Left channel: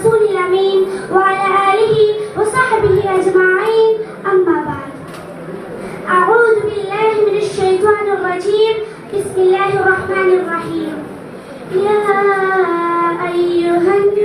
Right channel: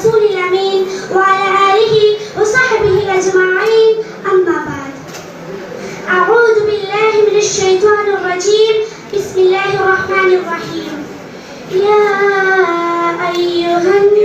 الرسول الأمين وعلى آله وصحبه أجمعين. أما بعد أعوذ بالله من الشيطان الرجيم. بسم الله الرحمن الرحيم. يا أيها الناس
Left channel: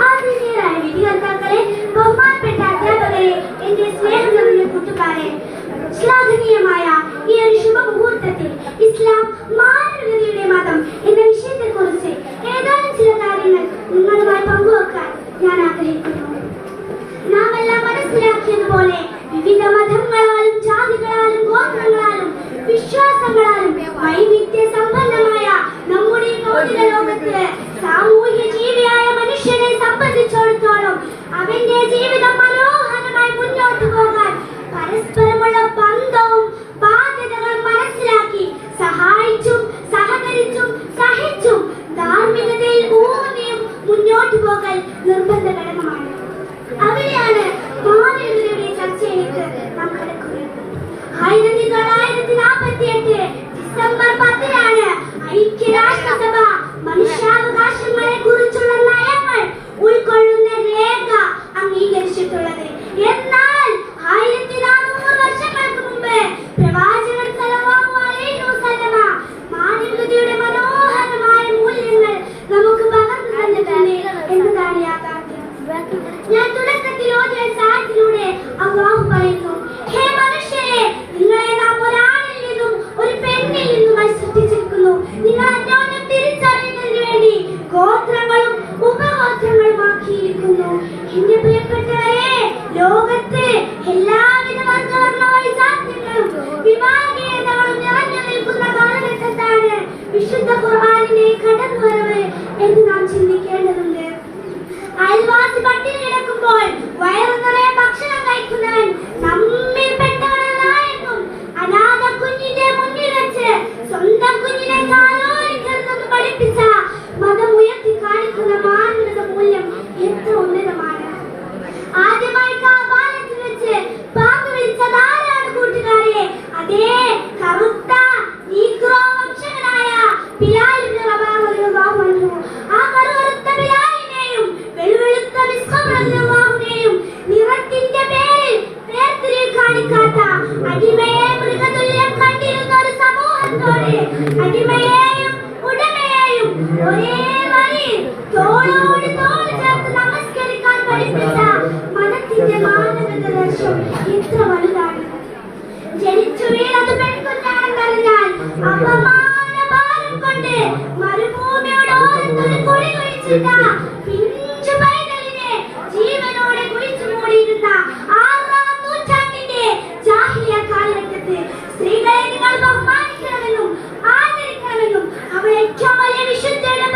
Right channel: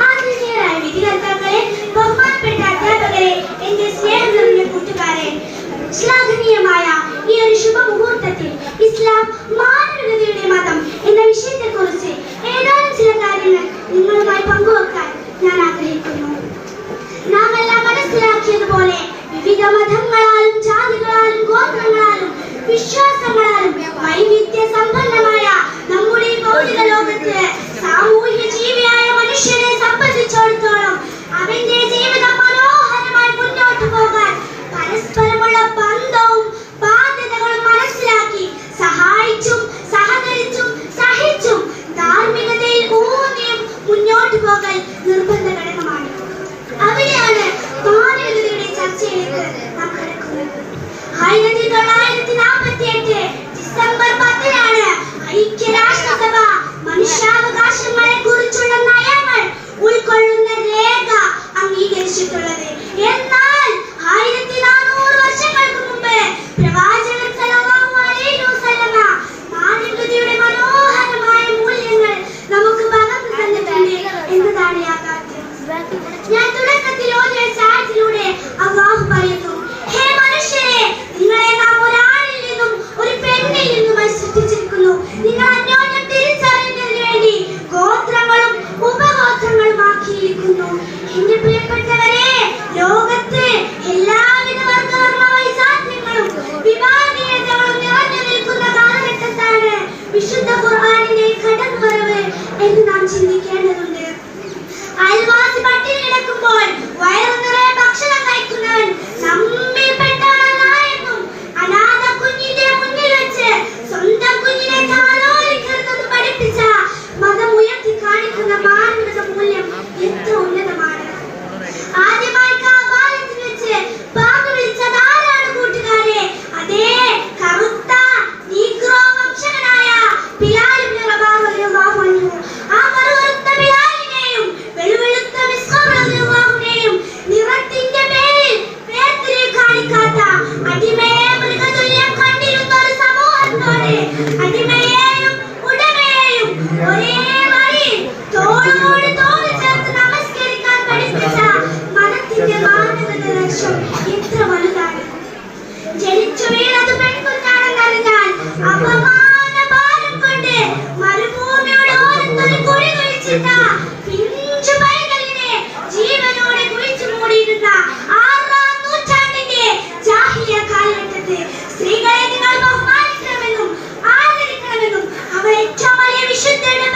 ആദരണീയരായ വിധികർത്താക്കളെ ബഹുമാനപ്പെട്ട അധ്യാപകരെ എന്റെ സ്നേഹം നിറഞ്ഞ കൂട്ടുകാരെ ശ്ലാഘനീയമായ ഈ ഒരു ശുഭമുഹൂർത്തത്തിൽ ഇസ്ലാം മാനവികതയുടെ മതം എന്ന വിഷയത്തെക്കുറിച്ച് ഏതാനും ചില കാര്യങ്ങൾ നിങ്ങളുമായി പങ്കുവെക്കാൻ No normal de I love സ്ത്രീകളെ നിങ്ങൾ ബഹുമാനിക്കണമെന്നും ആദരിക്കണമെന്നും അവർ ഏറ്റവും വലിയ വിശുദ്ധയുടെ